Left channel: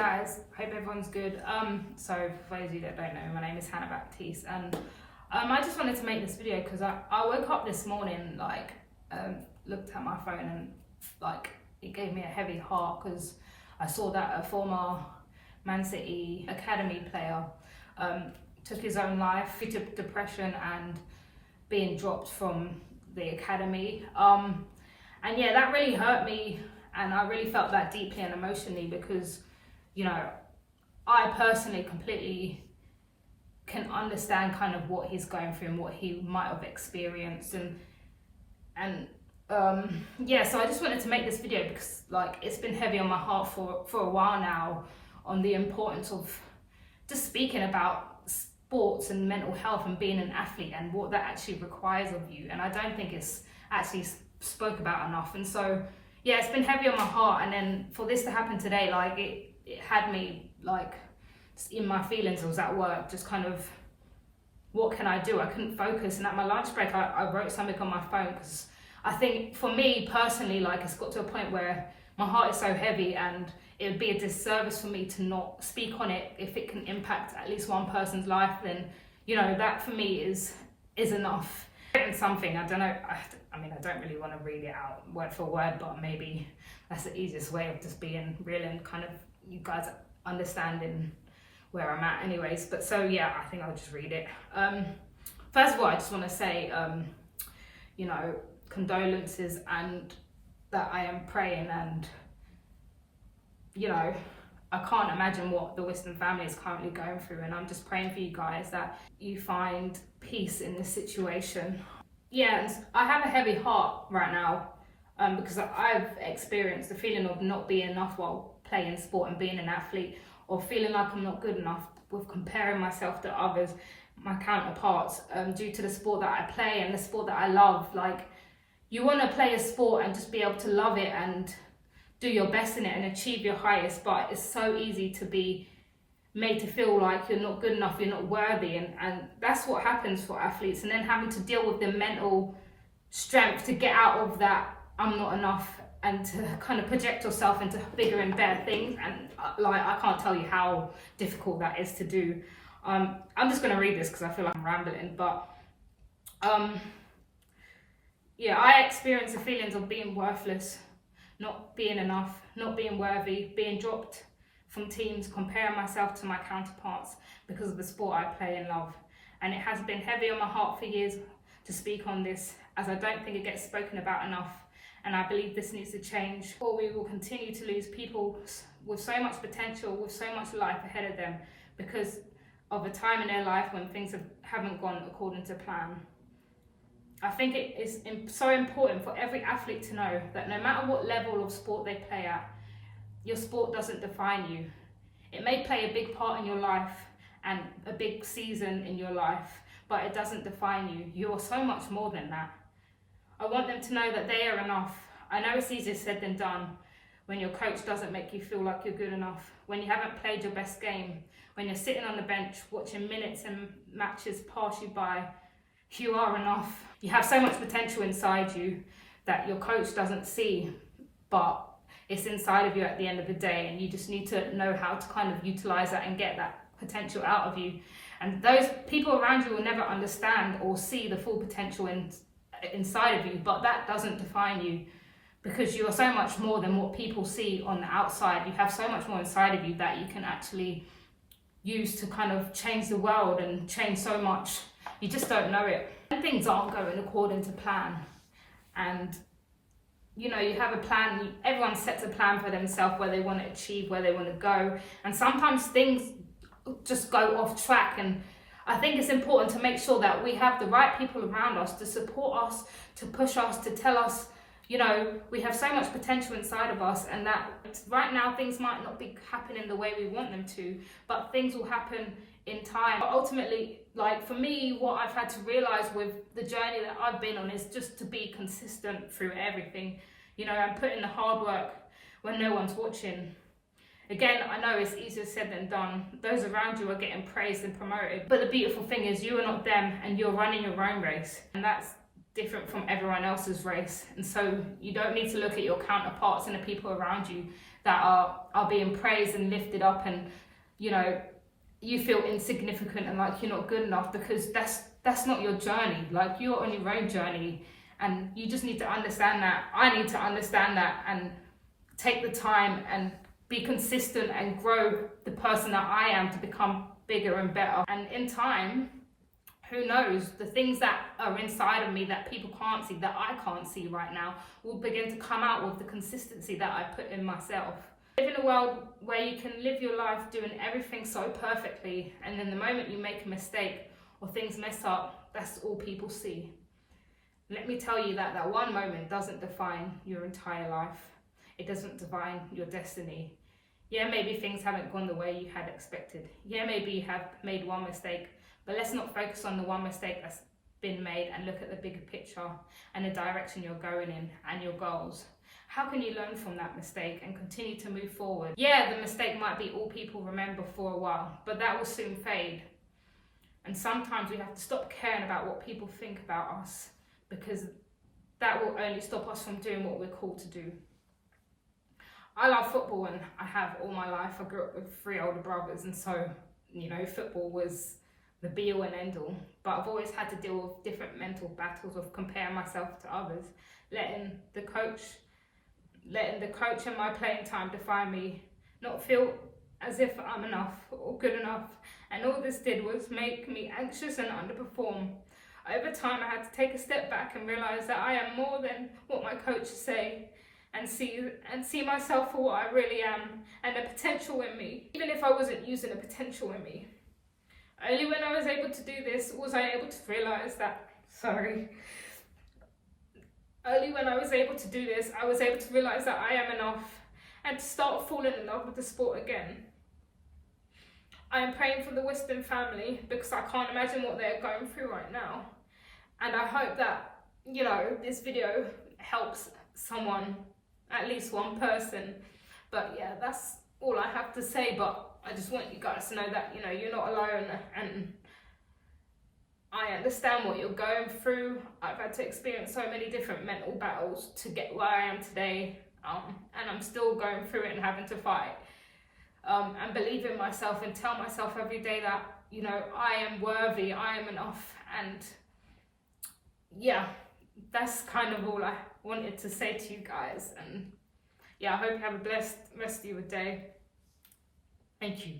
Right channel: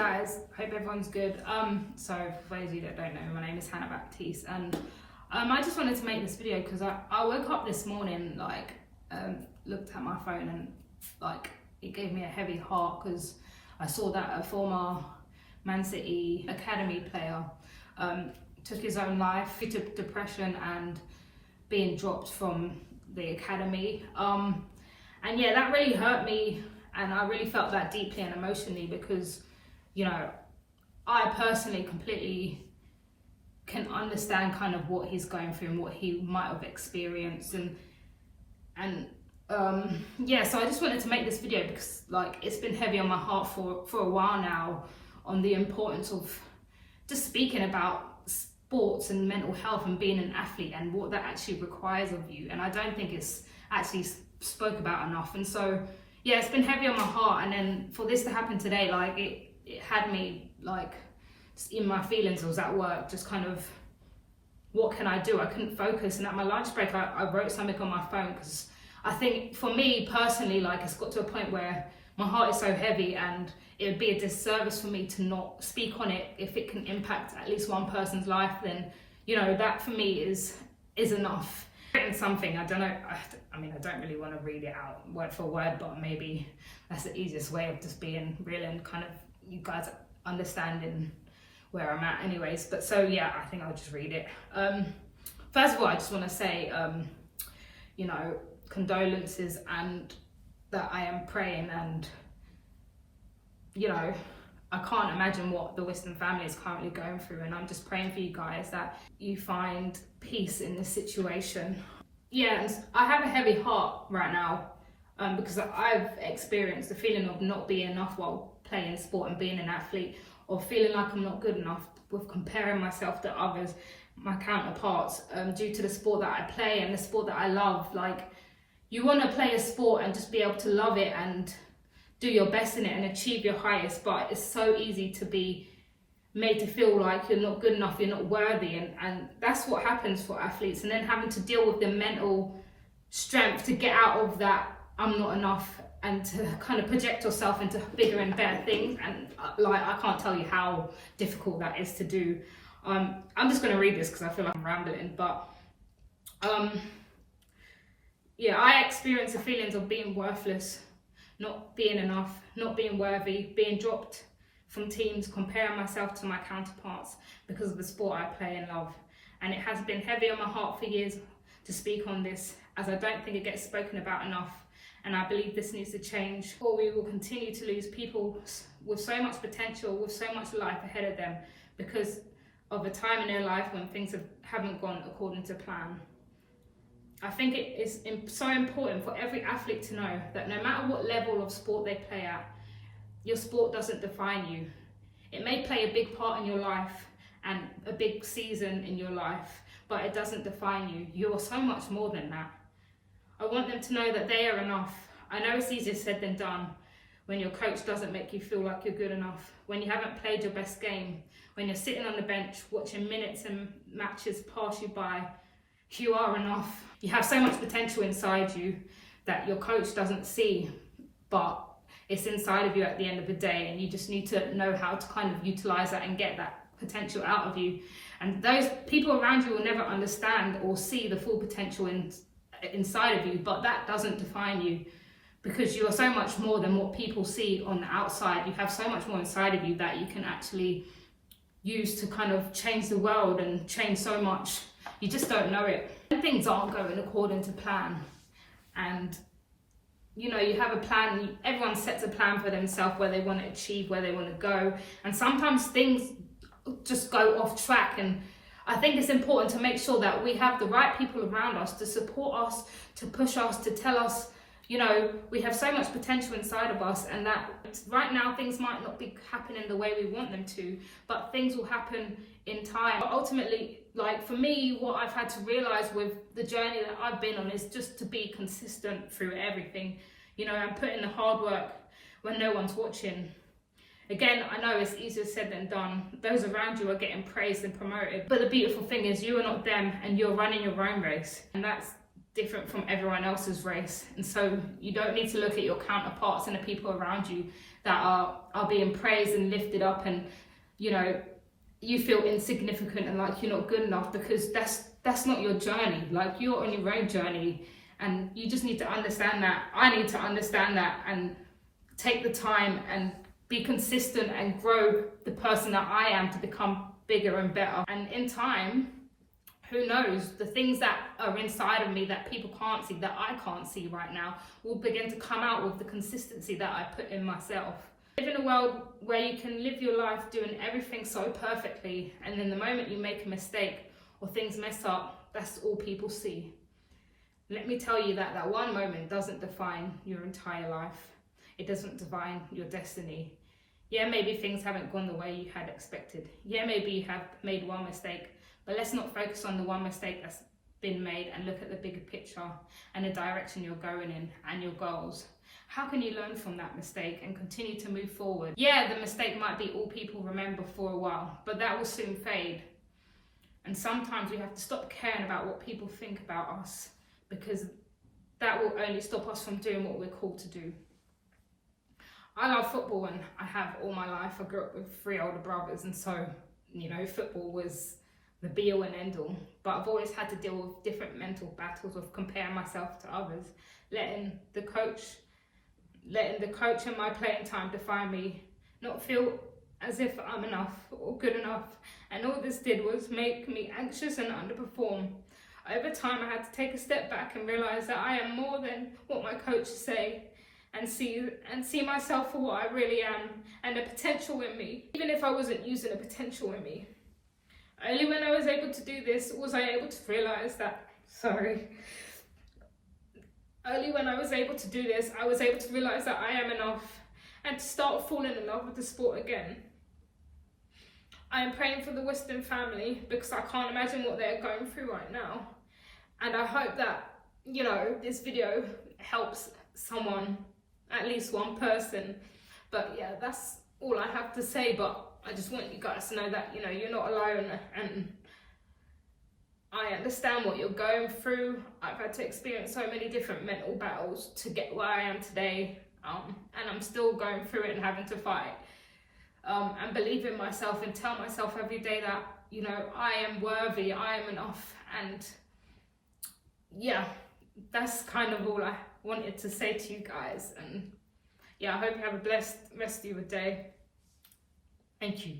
guys, hope everyone's good. So for those of you that don't know, my name is Hannah Baptiste, and I just wanted to make this video because I woke up this morning, looked at my phone, and it gave me a heavy heart because I saw that a former Man City academy player took his own life due to depression and being dropped from the academy. And yeah, that really hurt me, and I really felt that deeply and emotionally because, you know, I personally completely can understand kind of what he's going through and what he might have experienced, and yeah, so I just wanted to make this video because it's been heavy on my heart for a while now on the importance of just speaking about sports and mental health and being an athlete and what that actually requires of you, and I don't think it's actually spoke about enough. And so yeah, it's been heavy on my heart, and then for this to happen today, it had me just in my feelings. I was at work just kind of, what can I do? I couldn't focus, and at my lunch break I wrote something on my phone because I think for me personally, it's got to a point where my heart is so heavy and it would be a disservice for me to not speak on it. If it can impact at least one person's life, then, you know, that for me is enough. And something, I don't know, I mean, I don't really want to read it out word for word, but maybe that's the easiest way of just being real and kind of you guys understanding where I'm at anyways. But so yeah, I think I'll just read it. First of all, I just want to say, you know, condolences, and that I am praying, and you know, I can't imagine what the Wisdom family is currently going through, and I'm just praying for you guys that you find peace in this situation. Yeah, and I have a heavy heart right now because I've experienced the feeling of not being enough while playing sport and being an athlete, or feeling like I'm not good enough with comparing myself to others, my counterparts, due to the sport that I play and the sport that I love. You want to play a sport and just be able to love it and do your best in it and achieve your highest, but it's so easy to be made to feel like you're not good enough, you're not worthy, and that's what happens for athletes. And then having to deal with the mental strength to get out of that I'm not enough and to kind of project yourself into bigger and better things, and I can't tell you how difficult that is to do. I'm just going to read this because I feel like I'm rambling, but yeah, I experienced the feelings of being worthless, not being enough, not being worthy, being dropped from teams, comparing myself to my counterparts because of the sport I play and love. And it has been heavy on my heart for years to speak on this, as I don't think it gets spoken about enough, and I believe this needs to change, or we will continue to lose people with so much potential, with so much life ahead of them, because of a time in their life when things haven't gone according to plan. I think it is so important for every athlete to know that no matter what level of sport they play at, your sport doesn't define you. It may play a big part in your life and a big season in your life, but it doesn't define you. You are so much more than that. I want them to know that they are enough. I know it's easier said than done when your coach doesn't make you feel like you're good enough, when you haven't played your best game, when you're sitting on the bench watching minutes and matches pass you by. You are enough. You have so much potential inside you that your coach doesn't see, but it's inside of you at the end of the day, and you just need to know how to kind of utilize that and get that potential out of you. And those people around you will never understand or see the full potential inside of you, but that doesn't define you, because you are so much more than what people see on the outside. You have so much more inside of you that you can actually use to kind of change the world and change so much. You just don't know it. When things aren't going according to plan, and you know, you have a plan, everyone sets a plan for themselves where they want to achieve, where they want to go, and sometimes things just go off track. And I think it's important to make sure that we have the right people around us to support us, to push us, to tell us, you know, we have so much potential inside of us, and that right now things might not be happening the way we want them to, but things will happen in time. But ultimately, for me, what I've had to realize with the journey that I've been on is just to be consistent through everything. You know, and put in the hard work when no one's watching. Again, I know it's easier said than done. Those around you are getting praised and promoted, but the beautiful thing is you are not them, and you're running your own race, and that's different from everyone else's race. And so you don't need to look at your counterparts and the people around you that are are being praised and lifted up, and you know, you feel insignificant and like you're not good enough, because that's not your journey. Like, you're on your own journey, and you just need to understand that. I need to understand that and take the time and be consistent and grow the person that I am to become bigger and better. And in time, who knows, the things that are inside of me that people can't see, that I can't see right now, will begin to come out with the consistency that I put in myself. Live in a world where you can live your life doing everything so perfectly, and then the moment you make a mistake or things mess up, that's all people see. Let me tell you that one moment doesn't define your entire life. It doesn't define your destiny. Yeah, maybe things haven't gone the way you had expected. Yeah, maybe you have made one mistake, but let's not focus on the one mistake that's been made, and look at the bigger picture and the direction you're going in and your goals. How can you learn from that mistake and continue to move forward? Yeah, the mistake might be all people remember for a while, but that will soon fade. And sometimes we have to stop caring about what people think about us, because that will only stop us from doing what we're called to do. I love football, and I have all my life. I grew up with 3 older brothers, and so, you know, football was the be all and end all. But I've always had to deal with different mental battles of comparing myself to others, letting the coach and my playing time define me, not feel as if I'm enough or good enough. And all this did was make me anxious and underperform. Over time, I had to take a step back and realize that I am more than what my coaches say, and see myself for what I really am, and the potential in me, even if I wasn't using the potential in me. Only when I was able to do this was I able to realize that, Only when I was able to do this, I was able to realize that I am enough, and to start falling in love with the sport again. I am praying for the Whiston family, because I can't imagine what they're going through right now. And I hope that, you know, this video helps someone, at least one person. But yeah, that's all I have to say. But I just want you guys to know that, you know, you're not alone, and I understand what you're going through. I've had to experience so many different mental battles to get where I am today, and I'm still going through it and having to fight, and believe in myself and tell myself every day that, you know, I am worthy, I am enough. And yeah, that's kind of all I wanted to say to you guys. And yeah, I hope you have a blessed rest of your day. Thank you.